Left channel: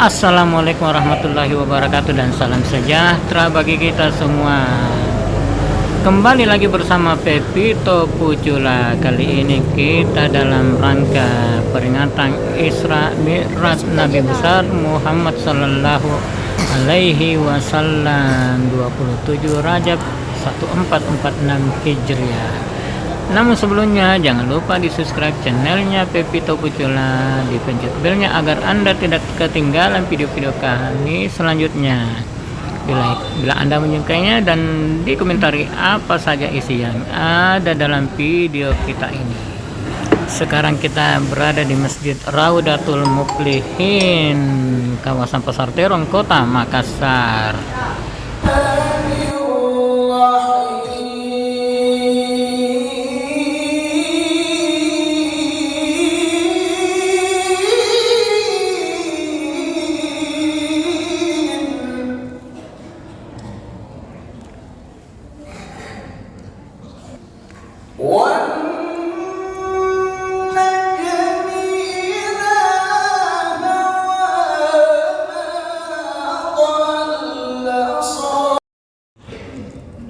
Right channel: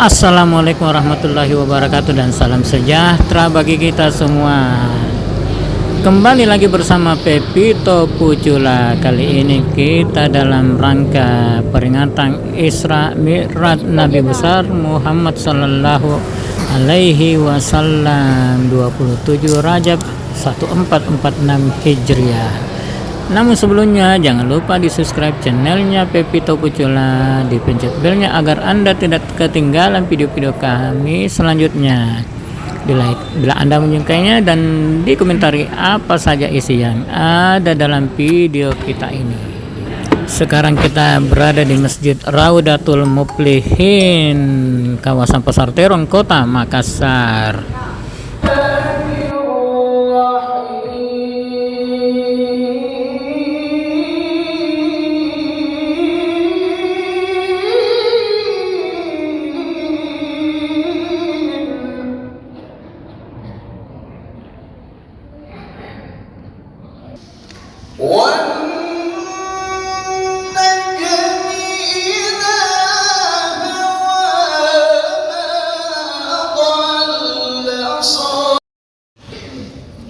Assalamualaikum warahmatullahi wabarakatuh dan salam sejahtera bagi kita semua. Kembali lagi bersama Pepito Pucula. Kali ini kita dalam rangka peringatan Isra Mi'raj Nabi besar Muhammad sallallahu alaihi wasallam 27 Rajab 1446 Hijriah. Namun sebelumnya jangan lupa di subscribe channelnya Pepito Pucula, dipencet belnya agar Anda tidak ketinggalan video-video kami selanjutnya. Di like bila Anda menyukainya dan dikomentari apa saja isi yang ada dalam video kita ini. Sekarang kita berada di Masjid Raudatul Muflihin, kawasan Pasar Terong, Kota Makassar.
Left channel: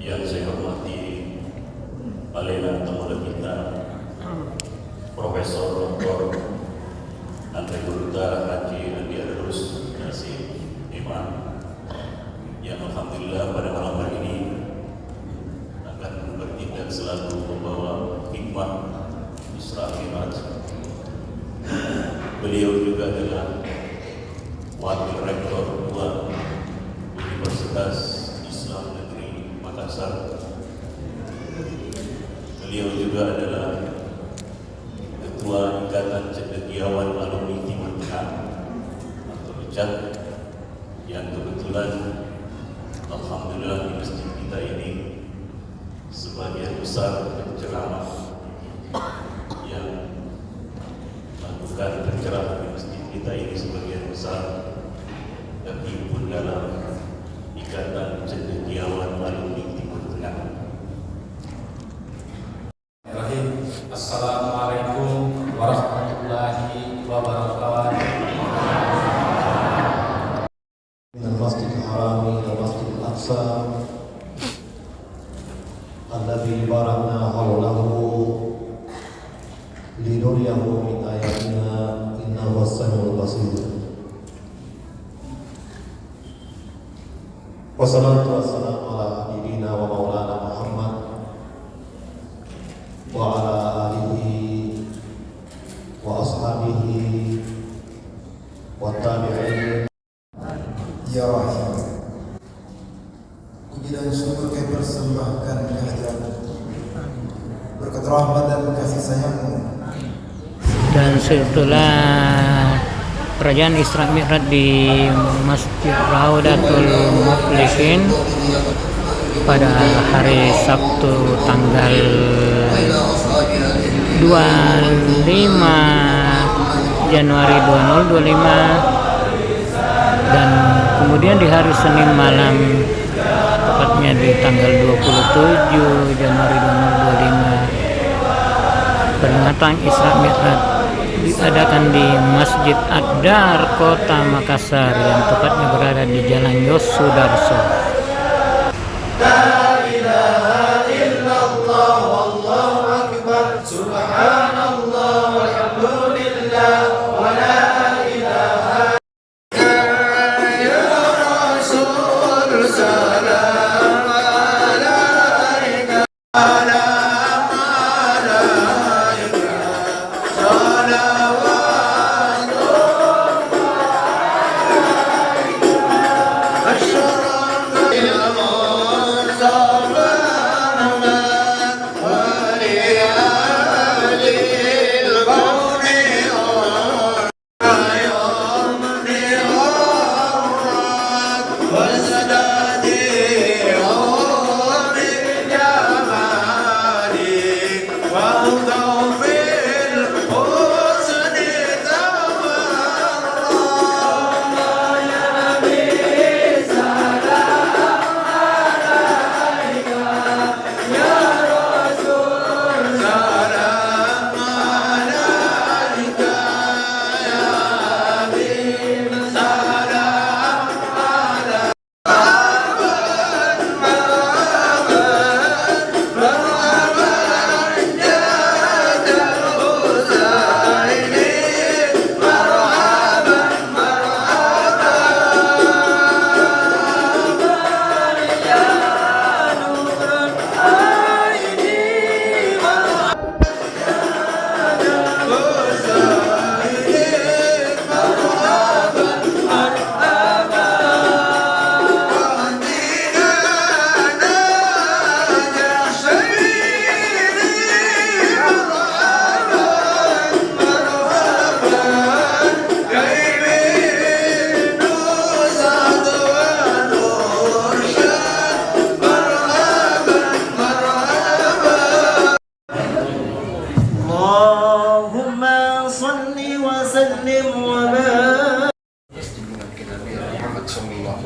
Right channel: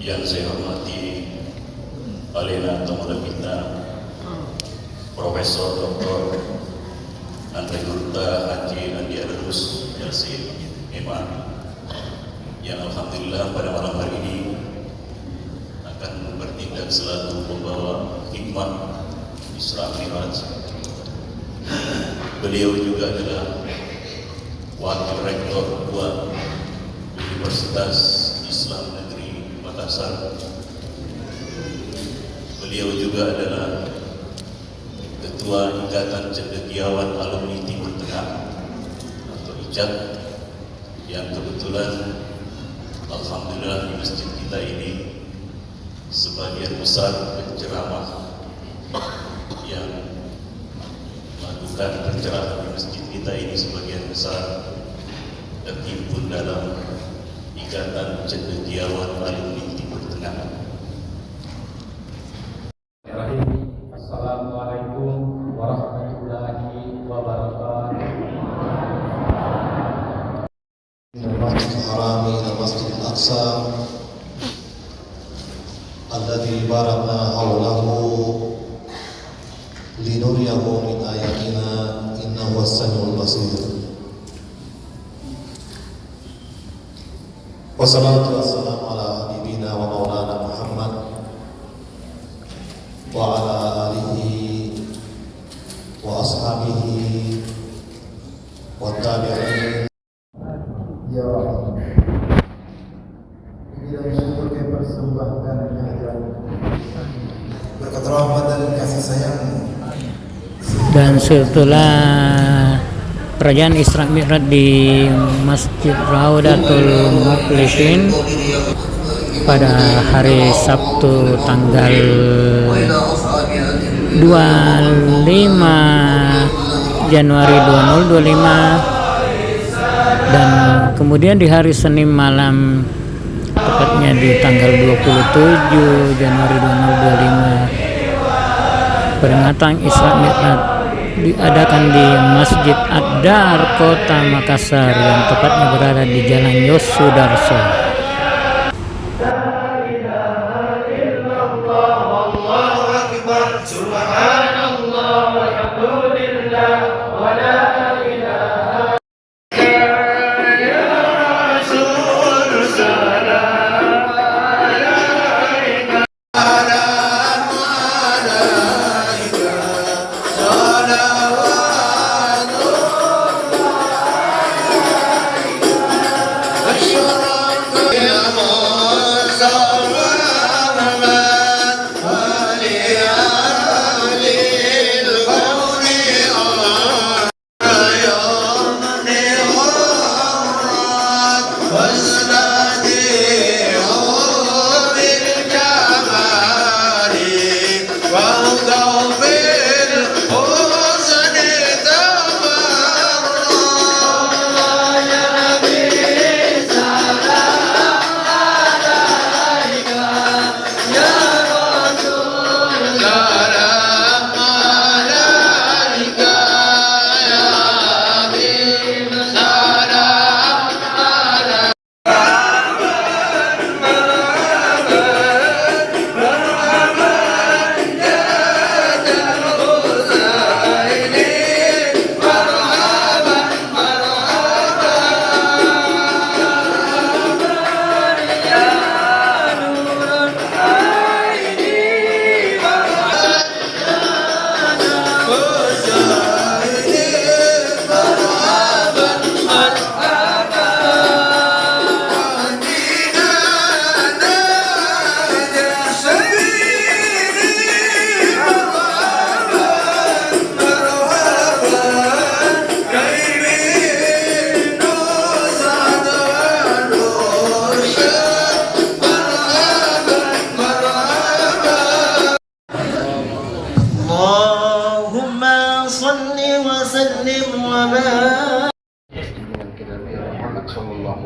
Yang saya hormati Alena Tamulah kita Profesor Dr. Antri Gurta Haji Andi Adrus Yasin Imam, yang alhamdulillah pada malam hari ini akan bertindak selaku pembawa hikmah Isra Mi'raj. Beliau juga adalah Wakil Rektor 2 Universitas Islam Negeri Makassar. Beliau juga adalah Ketua Ikatan Cendekiawan Alumni Timur Tengah atau ICAT, yang kebetulan alhamdulillah di masjid kita ini sebagian besar penceramah yang melakukan pencerahan di masjid kita ini sebagian besar terhimpun dalam Ikatan Cendekiawan Alumni Timur Tengah. Assalamualaikum warahmatullahi wabarakatuh. Minal Masjidil Haram ila Masjidil Aqsa alladzi barakna hawlahu linuriyahu min ayatina innahu was-sami'ul basir. Wassalatu wassalamu ala habibina wa maulana Muhammad wa ala alihi wa ashabihi wa tabi'in. Ya Rahim, bidang syukur kami persembahkan kehadiran berkat rahmat dan kasih sayang-Mu. Dan setelah perayaan Isra Mi'raj di Masjid Raudatul Muflihin pada hari Sabtu tanggal 25 Januari 2025, dan kemudian di hari Senin malam tepatnya di tanggal 27 Januari 2025 peringatan Isra Mi'raj diadakan di Masjid Ad-Dar Kota Makassar yang tepatnya berada di Jalan Yosudarso.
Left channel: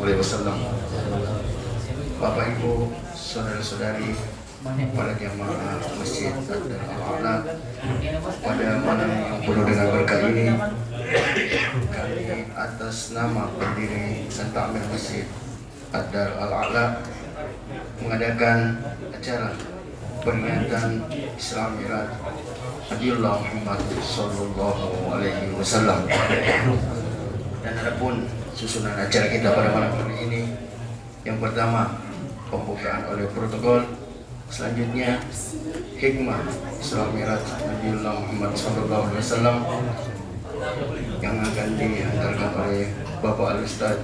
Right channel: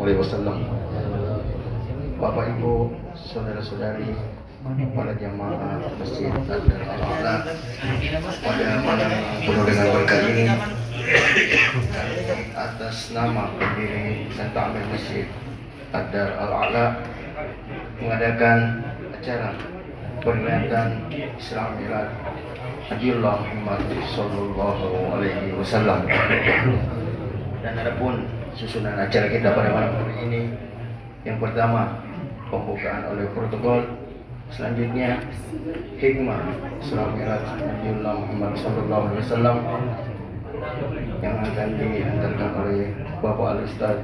Alaihi Wasallam. Bapak Ibu, saudara-saudari, pada jamaah Masjid Ad-Dar Al-A'la, pada malam yang penuh dengan berkah ini, kami atas nama pendiri dan takmir Masjid Ad-Dar Al-A'la mengadakan acara peringatan Isra Mi'raj Nabiullah Muhammad Sallallahu Alaihi Wasallam. Dan adapun susunan acara kita pada malam hari ini, yang pertama pembukaan oleh protokol, selanjutnya hikmah Isra Mi'raj Nabiullah Muhammad Sallallahu Alaihi Wasallam yang akan dihantarkan oleh Bapak Al-Ustaz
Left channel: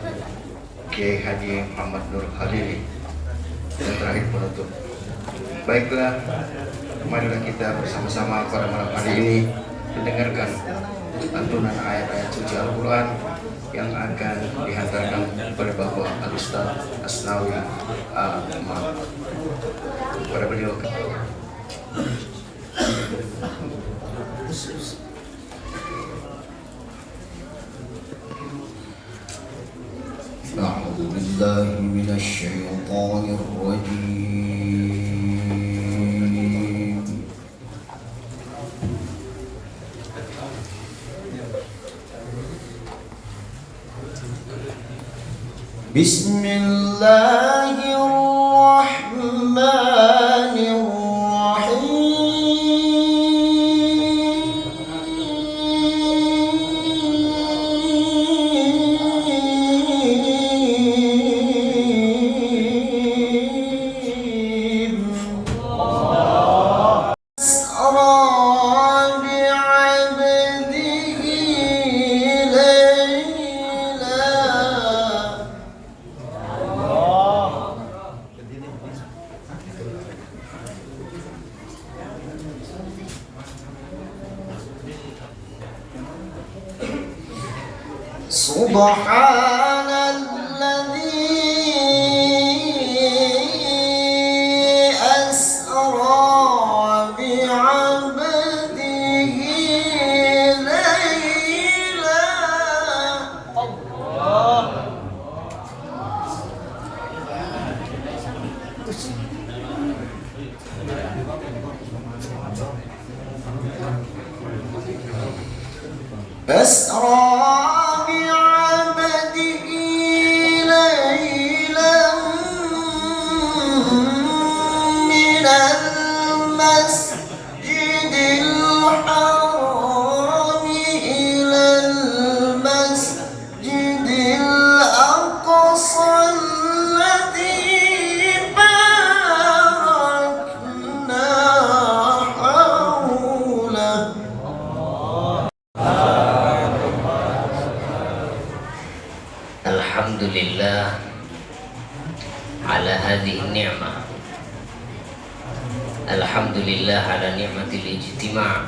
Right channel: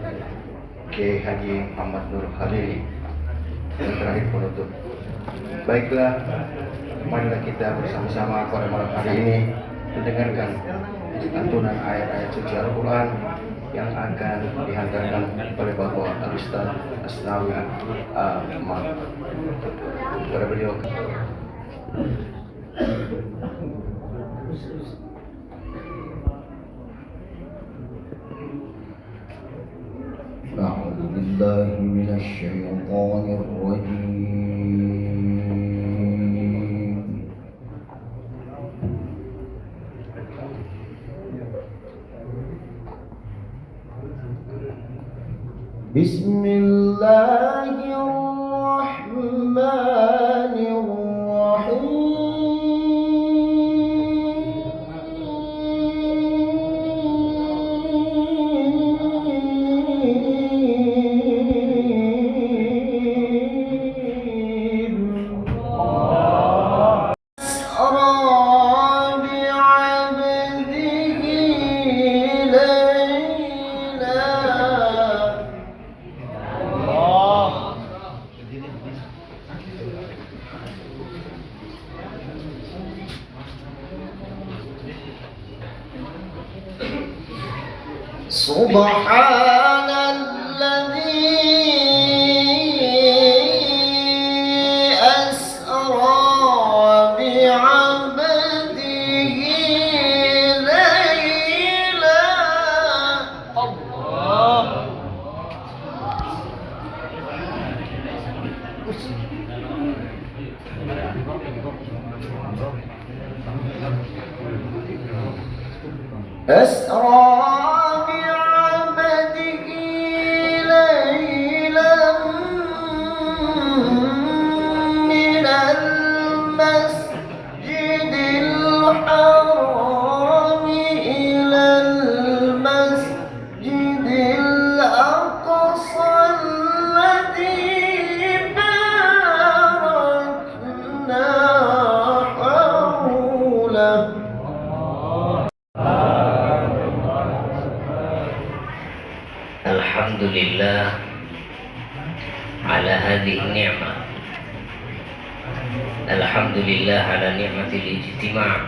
Kiai Haji Muhammad Nur Khalili, dan terakhir penutup. Baiklah, marilah kita bersama-sama pada malam hari ini mendengarkan lantunan ayat-ayat suci Al-Quran yang akan dihantarkan oleh Bapak Al-Ustaz Asnawi Ahmad. Kepada beliau. أعوذ بالله من الشيطان الرجيم. بسم الله الرحمن الرحيم. أسرى بعبده ليلا. سبحان الذي أسرى بعبده ليلا. أسرى بعبده ليلا من المسجد الحرام إلى المسجد الأقصى الذي باركنا حوله. Alhamdulillah ala hadhihi ni'mah. Alhamdulillah ala ni'matil ijtima'.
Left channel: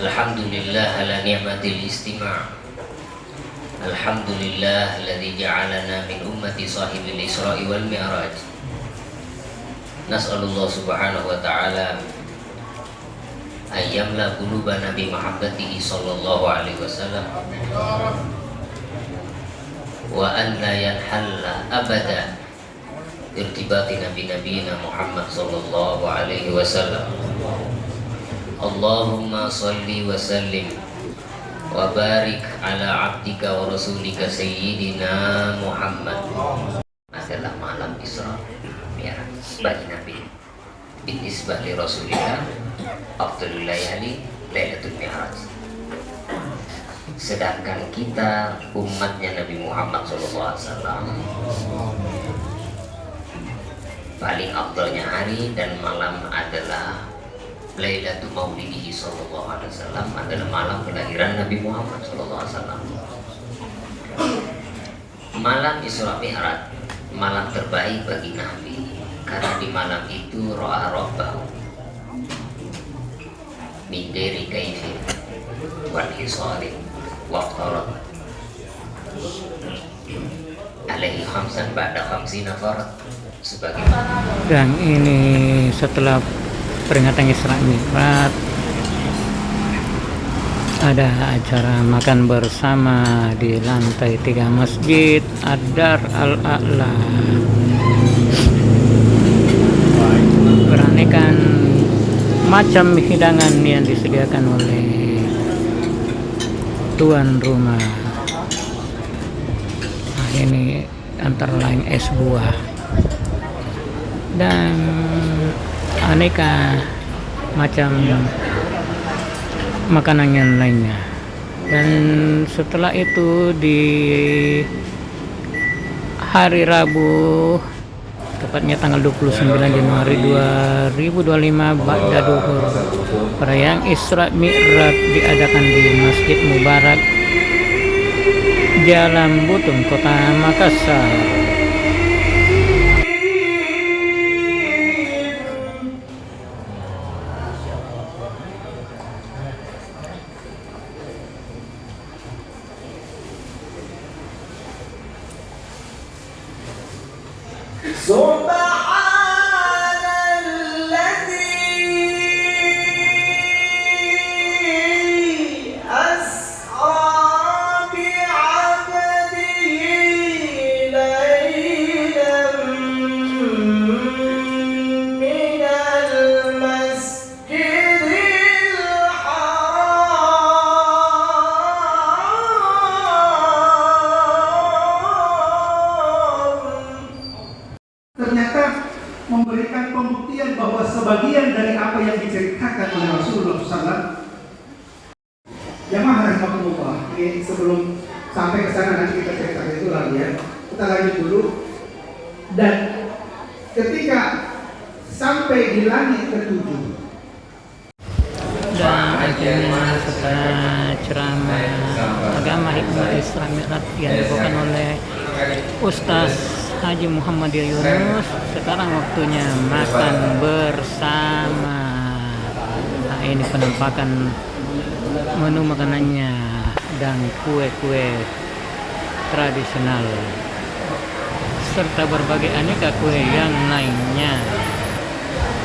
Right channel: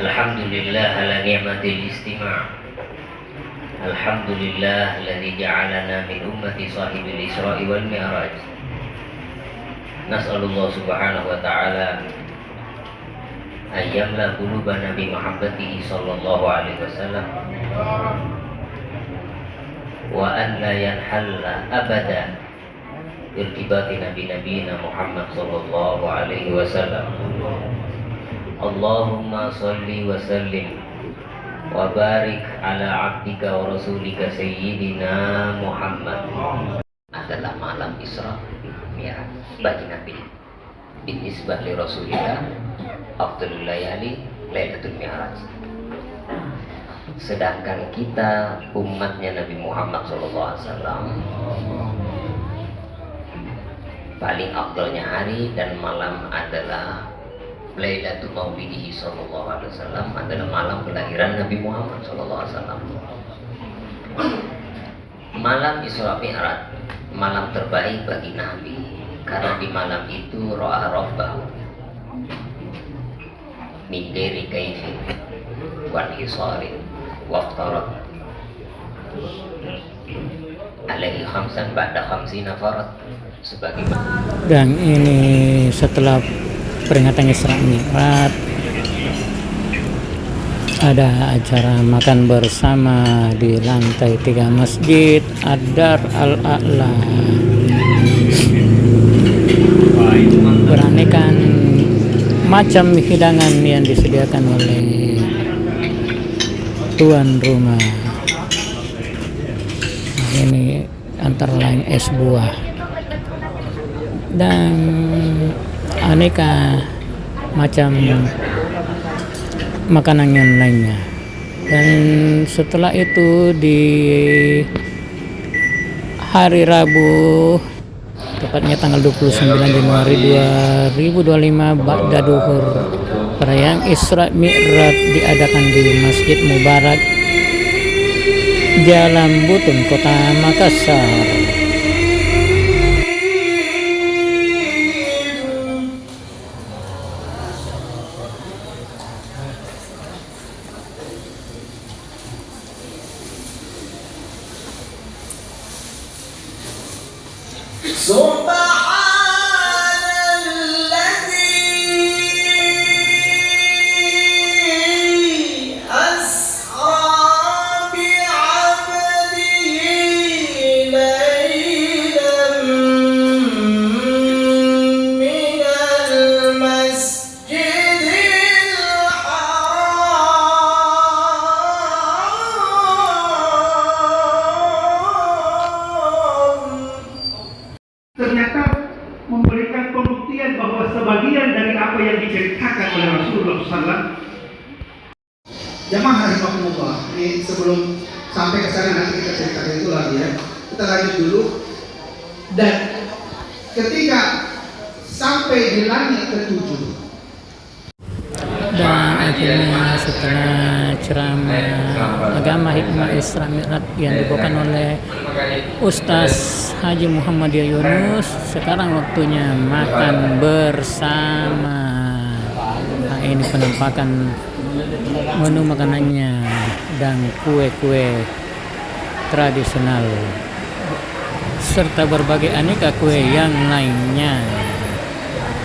Alhamdulillah ala ni'matil istima'. Alhamdulillah alladzi ja'alana min ummati sahibil Isra'i wal Mi'raj. Nas'alullah subhanahu wa ta'ala ayyamla qulubana bi mahabbatihi sallallahu alaihi wasallam wa an la yanhalla abada irtibatina bi nabiyina Muhammad sallallahu alaihi wasallam. Allahumma salli wa sallim wa barik ala abdika wa rasulika sayyidina Muhammad. Adalah malam Isra Mi'raj bagi Nabi. Binisbah li Rasulillah afdalul layali Lailatul Mi'raj. Sedangkan kita umatnya Nabi Muhammad SAW, paling afdalnya hari dan malam adalah Lailatul Maulidihi sallallahu alaihi wasallam, adalah malam kelahiran Nabi Muhammad sallallahu alaihi wasallam. Malam Isra Mi'raj, malam terbaik bagi Nabi, karena di malam itu ro'a rabbahu min ghairi kaifin wa hisarin waftarat alaihi khamsan ba'da khamsina farat, sebagai. Dan ini setelah peringatan Isra Mi'raj, ada acara makan bersama di lantai 3 Masjid Ad-Dar Al-A'la. Beraneka macam hidangan yang disediakan oleh tuan rumah. Ini antara lain es buah dan aneka macam makanan yang lainnya. Dan setelah itu di hari Rabu, tepatnya tanggal 29 Januari 2025, ba'da duhur, perayaan Isra Mi'raj diadakan di Masjid Mubarak Jalan Butung, Kota Makassar. ternyata memberikan pembuktian bahwa sebagian dari apa yang diceritakan oleh Rasulullah SAW. Jamaah rahimakumullah, ini sebelum sampai ke sana nanti kita ceritakan itu lagi ya. Kita lanjut dulu. Dan ketika sampai di langit ke-7, dan akhirnya setelah ceramah agama hikmah Isra Mi'raj yang dibawakan oleh Ustaz Haji Muhammad Yunus, sekarang waktunya makan bersama. Nah, ini penampakan menu makanannya dan kue-kue tradisional serta berbagai aneka kue yang lainnya.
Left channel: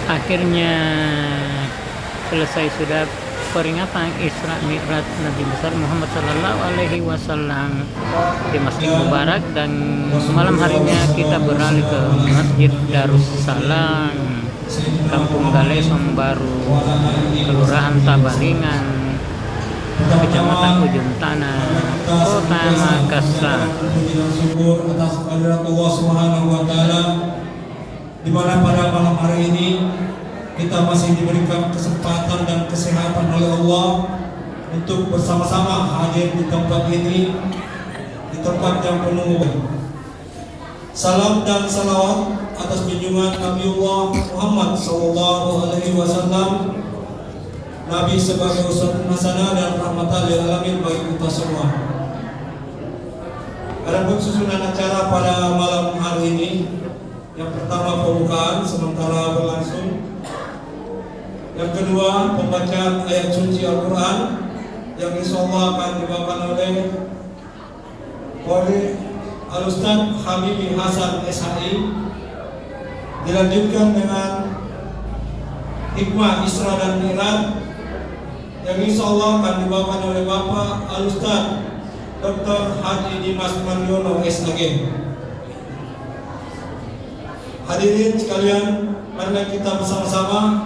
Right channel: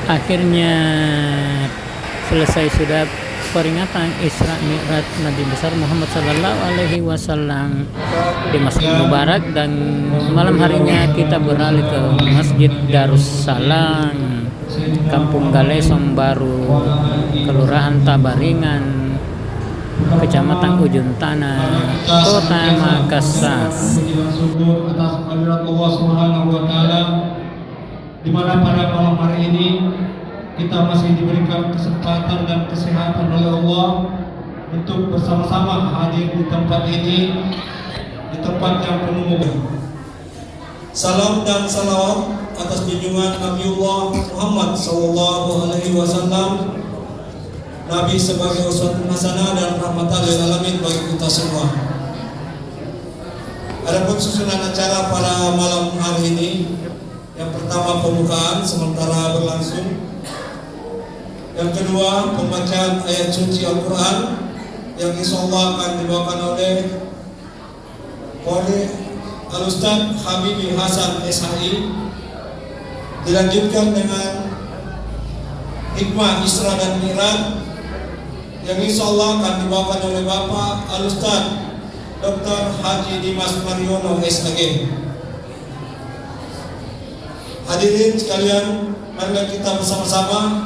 Akhirnya selesai sudah peringatan Isra Mi'raj Nabi besar Muhammad Sallallahu Alaihi Wasallam di Masjid Mubarak, dan malam harinya kita beralih ke Masjid Darussalam, Kampung Galesong Baru, Kelurahan Tabaringan, Kecamatan Ujung Tanah, Kota Makassar. Syukur atas kehadirat Allah Subhanahu wa taala, di mana pada malam hari ini kita masih diberikan kesempatan dan kesehatan oleh Allah untuk bersama-sama hadir di tempat ini, di tempat yang penuh. Salam dan salam atas junjungan Nabiullah Muhammad sallallahu alaihi wasallam, Nabi sebagai uswatun hasanah dan rahmatan lil alamin bagi kita semua. Adapun susunan acara pada malam hari ini, yang pertama pembukaan sementara berlangsung. Yang kedua, pembacaan ayat suci Al-Quran yang insyaallah akan dibawakan oleh Al-Ustaz Habibie Hasan SHI. Dilanjutkan dengan hikmah Isra dan Mi'raj yang insyaallah akan dibawakan oleh Bapak Al-Ustaz Dr. Haji Dimas Mariono SHG. Hadirin sekalian, mari kita bersama-sama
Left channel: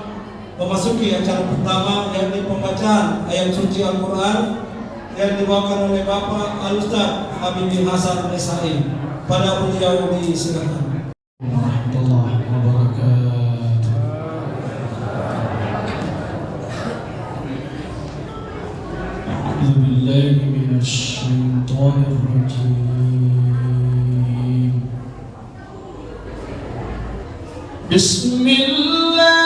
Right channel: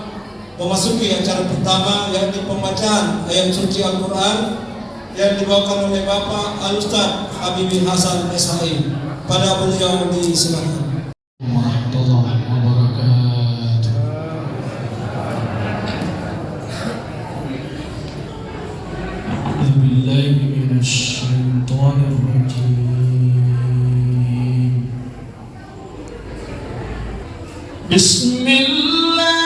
memasuki acara pertama, yakni pembacaan ayat suci Al-Quran yang dibawakan oleh Bapak Al-Ustaz Habibie Hasan SHI. Pada beliau disilakan. Warahmatullahi wabarakatuh. A'udzubillahi minasyaitonir rajim. Bismillah.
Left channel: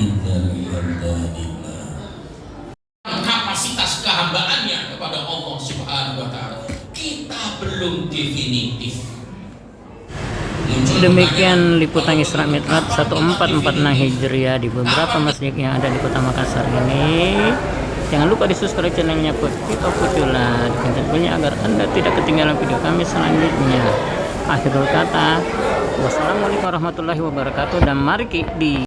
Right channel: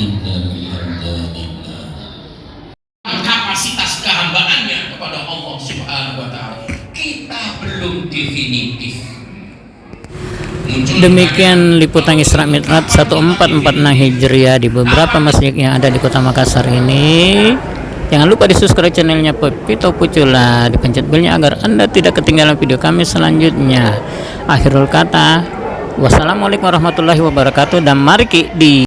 Innal hamdalillah. Kapasitas kehambaannya kepada Allah Subhanahu wa taala kita belum definitif. Demikian liputan Isra Mi'raj 1446 Hijriah di beberapa masjid yang ada di Kota Makassar ini. Jangan lupa di subscribe channelnya Pepito Pucula, dipencet belnya agar Anda tidak ketinggalan video kami selanjutnya. Akhirul kata, wassalamualaikum warahmatullahi wabarakatuh, dan mari di